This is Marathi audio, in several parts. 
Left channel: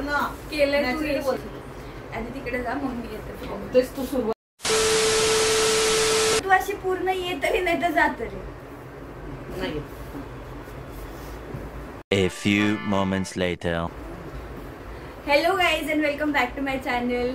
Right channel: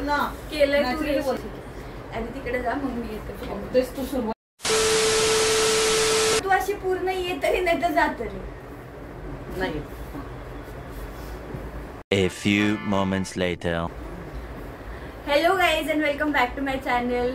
बोल ना. केलंय तू आधी तिकडे जा मग मी येतो. तेच तू सुरुवात तू अशी पूर्ण ये तरी नाही तर जात तरी नाही. A few moments later. Hello guys and welcome back to my channel.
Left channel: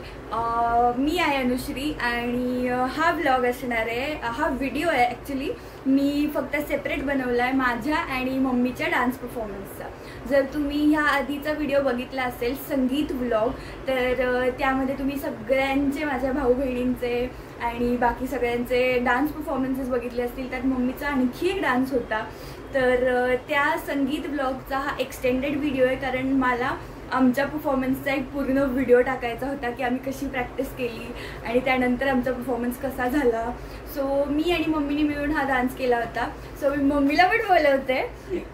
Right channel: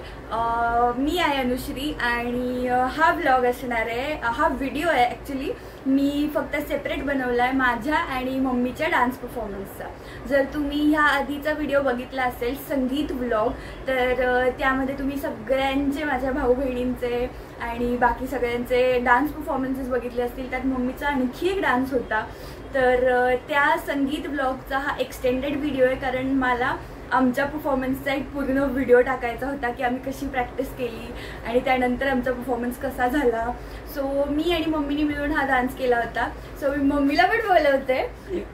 मी आहे अनुश्री आणि हा व्लॉग असणार आहे, हा व्हिडिओ आहे ॲक्च्युली मी फक्त सेपरेट बनवला आहे माझ्या आणि मम्मीच्या डान्स परफॉर्मन्सचा. जर तुम्ही ह्या आधीचा व्हिडिओ बघितला असेल संगीत व्लॉग तर त्यामध्ये तुम्ही सगळ्यांचे माझ्या भाऊ बहिणींचे आणि बाकी सगळ्यांचे डान्स परफॉर्मन्सेस बघितले असतील. त्यात मम्मीचा आणखी एक डान्स होता. तर त्या संगीत व्लॉगचा हा एक्सटेंडेड व्हिडिओ आहे कारण मला आमच्या परफॉर्मन्सचा एक पूर्ण व्हिडिओ टाकायचा होता की आम्ही कशी प्रॅक्टिस केली आणि त्यानंतर आमचा परफॉर्मन्स कसा झाला. सो मी आणि मम्मीने मिळून हा डान्स केला होता. सो मी मम्मीला पण बोलवते.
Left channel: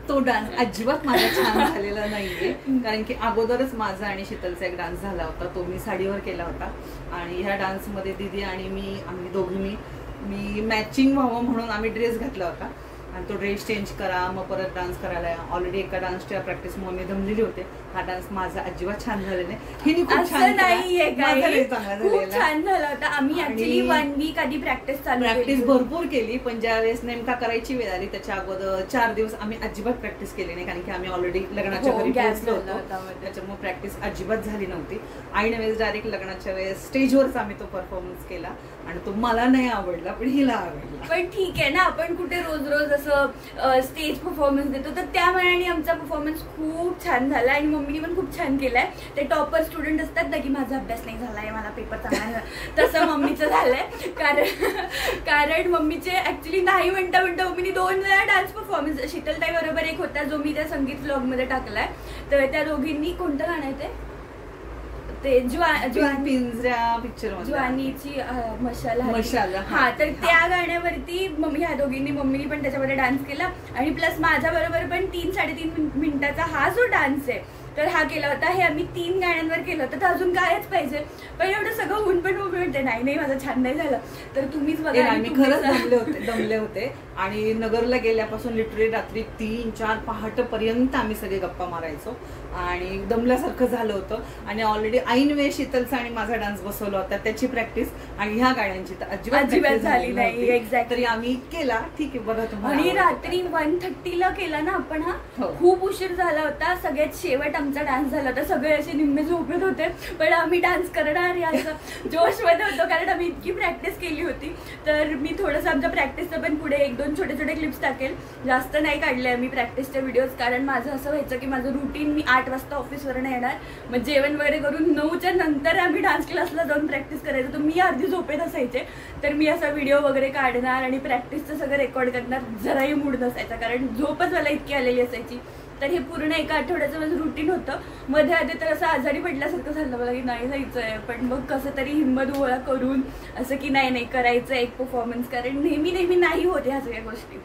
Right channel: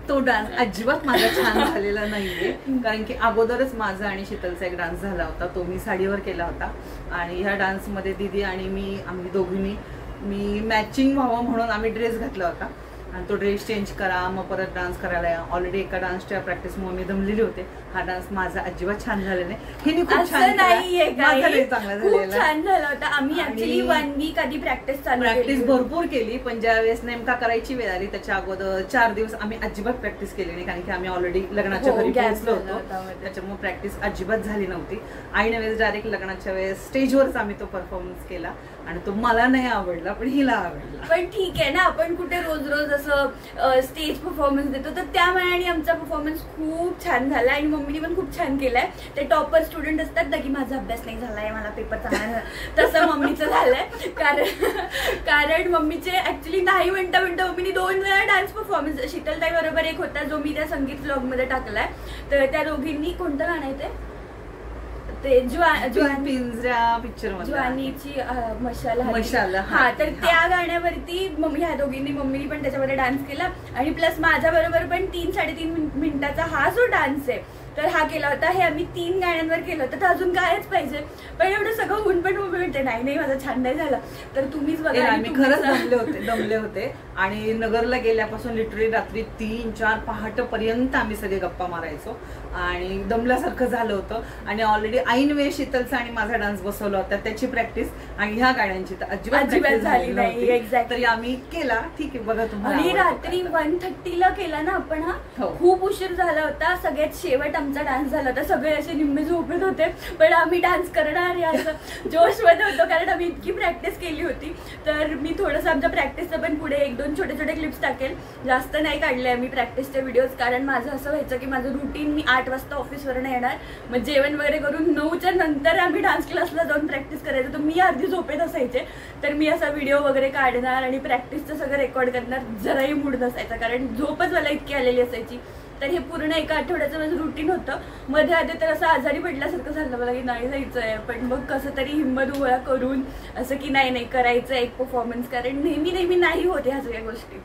तो डान्स अजिबात माझा छान झालेला नाहीये कारण की अगोदरच माझा आणि शीतलचा एक डान्स झाला होता, तो मी साडीवर केला होता आणि ह्या डान्समध्ये दीदी आणि आम्ही दोघींनी मॅचिंग व्हावं म्हणून आम्ही ड्रेस घातला होता आणि तो ड्रेस चेंज करा मग परत डान्स करायला. ऑलरेडी एका डान्सच्या प्रॅक्टिस मग मी दमलेली होते. हा डान्स माझा अजिबात छान झाला नाही. असं नाहीये खूप छान झाला होता. आम्ही ऍक्च्युली 1 वीक आधी प्रॅक्टिस भरपूर केली पण ज्या वेळेस नेमका करायची वेळ आली त्याच्या अगोदर 4 दिवस आम्ही अजिबात प्रॅक्टिस केली नाही कारण की आम्ही ऑलरेडी लग्नाच्या घरी पोहोचलो होतो. त्याच्यामुळे प्रॅक्टिस अजिबात झाली नव्हती. आईने वेळेस डायरेक्ट लग्नाच्या वेळेस स्टेजवरच आम्ही तो परफॉर्मन्स केला आणि तो मला नाही आवडला पण हिला आवडला. पण ठीक आहे ना, आपण कुठे रोज रोज असं स्टेज परफॉर्मन्स देतो तर त्या मनाने आमचा परफॉर्मन्स खूप छान झाला आणि मम्मीने पण खूप छान केलाय. ते टॉपर स्टुडंट असतात ना की माझा अभ्यास नाही झालाय मला पेपर चांगला नाही तसं मम्मीचं झालंय. कारण मम्मीचे ऍक्च्युली नाही म्हणता मम्मीने 2 वेळा डान्स परफॉर्मन्स शीतलताई बरोबर एक होता जो मी त्या संगीत व्लॉग मध्ये टाकलाय. तर त्या दोघींनी कोणतं गाणं आहे ते पिंजरा पिक्चर ज्वानीची मशाल हा तर त्या गाण्यावरती ह्या दोघींनी मम्मीनी पण त्याच्यामध्ये डान्स केला आणि प्लस माझ्या बरोबर पण 3-3.5 मिनिटाचा हा जो डान्स आहे तर हा केला होता. हे आम्ही 3 गाण्यांवर केलं होतं तर अजून कायच पाहिजे. पण एवढं सगळं होऊन पण मम्मी म्हणते नाही माझं छान नाही झालं. तर तुम्हीच बघा आम्ही खरंच दमले होते आणि नगरला गेल्यापासून लिटरली रात्री 3-4 पहाटेपर्यंत आम्ही सगळे गप्पा मारायचो आणि दमल्यासारखं झालं होतं. आणि ऑलरेडी ऐन वेळ शीतलचा आणि माझा डान्स बसवला होता त्याची प्रॅक्टिस आणि ह्या गाण्यांची तर अजिबात झाली नाही. एक्झॅक्ट तरी आम्ही केला. ठीक आहे बघा तुम्हाला. आणि रात्री 1:30ला केला ना आपण. हा खूप उशीर झाला होता. सगळ्यात शेवट आमचा डान्स झाला होता. सगळे असे निम्मे झोपेत होते पण आम्ही डान्स करणार याचं जोश मध्ये होतो कारण आम्ही इतकी प्रॅक्टिस केली होती. तर मी थोडंसं आमच्या प्रॅक्टिसचं पण पुढे 1-2 छोटे क्लिप्स टाकेल. जास्त नाही काढले आम्ही प्रॅक्टिसचे व्हिडिओज कारण माझं असं व्हायचं की माझं रुटीन मी 8 वाजता ऑफिसवरून येणार मग जेवण वगैरे करून 9च्या नंतर आम्ही डान्स क्लासला जाऊन प्रॅक्टिस करायचं. तर मी अर्धी झोपेत असायचे तर मी असा व्हिडिओ वगैरे काढणार आणि प्रॅक्टिसचं सगळं रेकॉर्ड करणार. जराही मूड नसायचा कारण झोपच मला इतकी आलेली असायची. तर हे पूर्ण एका आठवड्याचं माझं रुटीन होतं. मध्ये आधी तर असं आजारी पडल्यासारखं झालं मला की नाही जायचं आहे पण मग कसं तरी हिंमत गोळा करून असं की नाही करायचं एक परफॉर्मन्स कारण नेहमी नाही होते ह्या सगळ्या गोष्टी.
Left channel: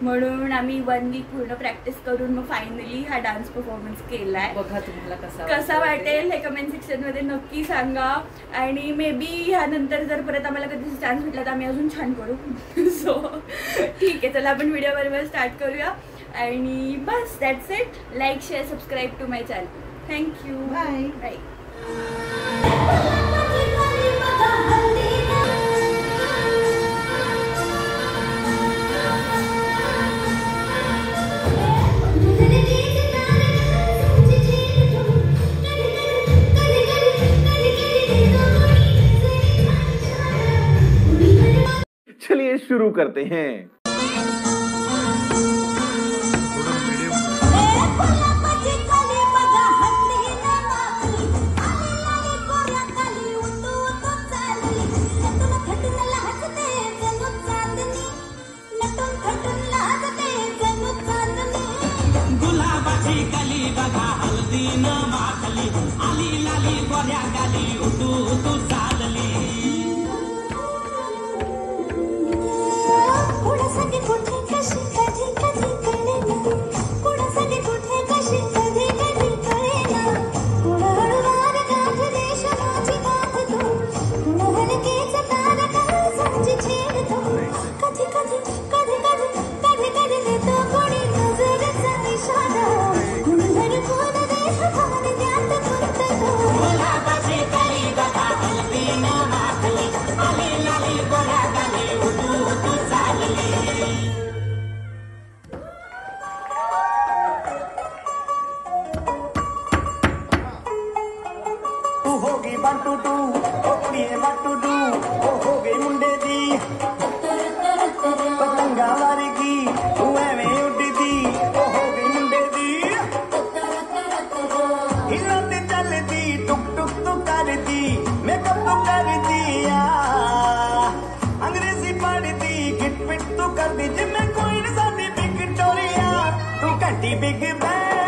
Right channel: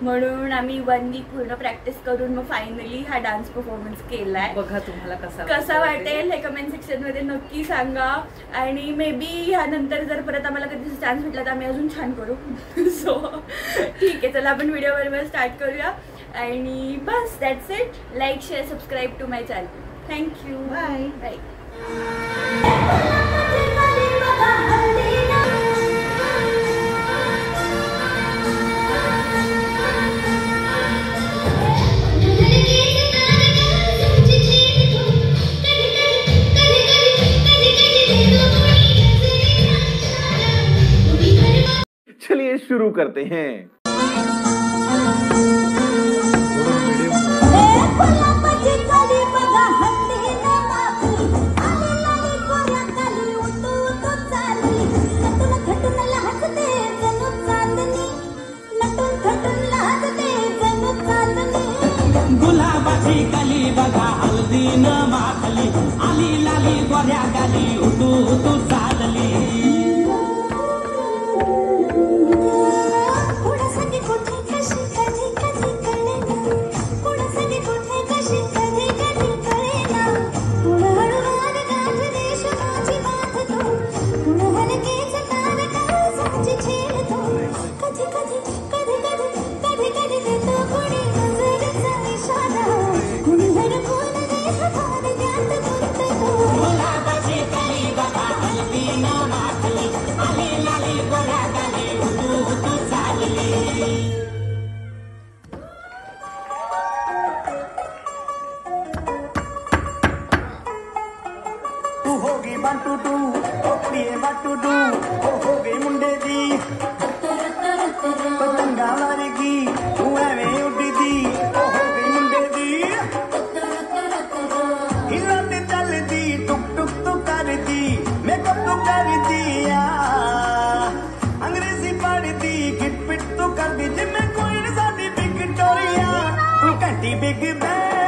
म्हणून आम्ही 1 वीक पूर्ण प्रॅक्टिस करून मग फायनली हा डान्स परफॉर्मन्स केलाय. बघा तुम्हाला कसा वाटेल हे कमेंट सेक्शन मध्ये नक्की सांगा. आणि मे बी ह्यानंतर जर परत आम्हाला कधी चान्स भेटला तर आम्ही अजून छान करू. सो ठीक आहे चला आपण व्हिडिओ बरोबर स्टार्ट करूया आणि बस that's it. Like share subscribe to my channel. Thank you. Bye bye. चलिए शुरू करते हैं. गुलाबाची कली बघा हल्दी न माखली आली लाली गोऱ्या गाली उठू चालली. ਕਰੀਏ what to do ਉਹ ਹੋ ਗਈ ਮੁੰਡੇ ਦੀ ਪਤੰਗਾ ਵਰਗੀ ਤੂੰ ਐਵੇਂ ਉੱਡਦੀ ਉਹ ਹੋ ਗਈ ਮੁੰਡੇ ਦੀ ਹਿੱਲਾਂ ਤੇ ਚੱਲਦੀ ਟੁਕ ਟੁਕ ਤੂੰ ਕਰਦੀ ਮੇਕਅਪ ਕਰਦੀ ਆ ਅੰਗਰੇਜ਼ੀ ਪੜ੍ਹਦੀ ਗਿਟ ਪਿਟ ਤੂੰ ਕਰਦੀ ਜਿਵੇਂ ਕੋਈ ਸਾਡੀ ਬਿਗ ਟੋਰੀਆ ਤੂੰ ਘੰਟੀ ਬਿਗ ਬੈਂ